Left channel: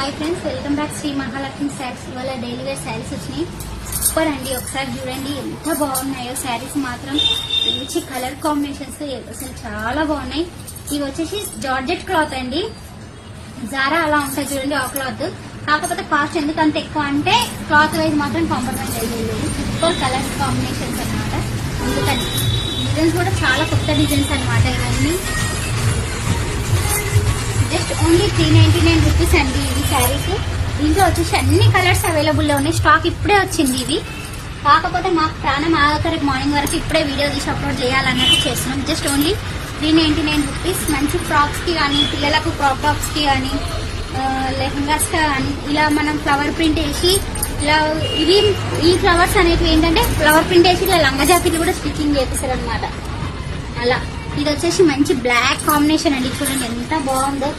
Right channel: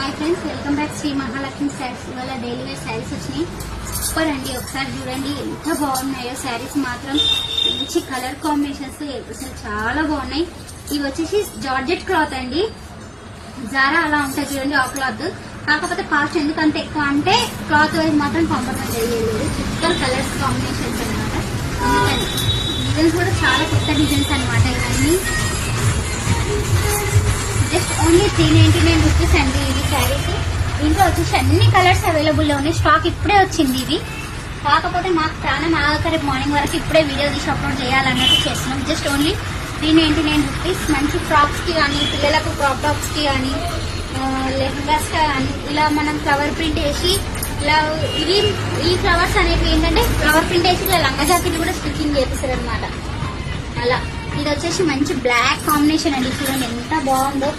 Hi friends, welcome back Shri Mahalakshmi sarees. ఇవాళ daily wear saris వచ్చినాయి. Super అండి, ఒకసారి చూడండి ఎంత బాగున్నాయో శారీస్. మాత్రం మంచి కలర్ కాంబినేషన్స్ అసలు చాలా బాగున్నాయి. ఇవి వచ్చేసి జార్జెట్ క్లాత్ అండి. జారా అలా ఉంటాయి చూడండి ఆ క్లాత్. కాకపోతే కాస్ట్ ఎందుకంత ఎక్కువ అంటే క్లాత్ వైజ్ మాత్రం కాంప్రమైజ్ అయ్యేది. సూపర్ కలర్స్ కాంబినేషన్స్ అనమాట. అందుకని డిజైన్స్ కూడా చాలా కొత్త డిజైన్స్ అనమాట. ఇవన్నీ జస్ట్ ఓన్లీ 399 రూపీస్ అండి ఇది శారీస్. ఇంట్లో వచ్చేసి అన్ని కలర్స్ అవైలబుల్ లో ఉన్నాయి. స్టాక్ ఇప్పుడే వచ్చింది ఇది. కాకపోతే నాకు ప్రాణం ఆగక రేపు మార్నింగ్ వరకు ఇప్పుడే వీడియో తీసి అప్లోడ్ చేయాలన్నట్టు చేస్తున్నాం. Just only 399 rupees. మంచి ఫ్రాక్స్ కి కానీ, పిల్లలకు క్రాప్ టాప్స్ కి కానీ, లెహంగాస్ కానీ ఇలా మనం ఫ్లవర్ ప్రింట్ వేసి ఇలా ఈ ఫ్లవర్స్ అనేవి ఏంటంటే ఫ్లవర్ ప్రింట్ వేసి ఇలా లంగా జాకెట్లు కూడా స్టిచ్చింగ్ చేపిస్తారు అనమాట. అలా ఇది వచ్చేసి మంచి బ్లాక్ కాంబినేషన్ అండి. చూడండి ఎంత బాగుందో.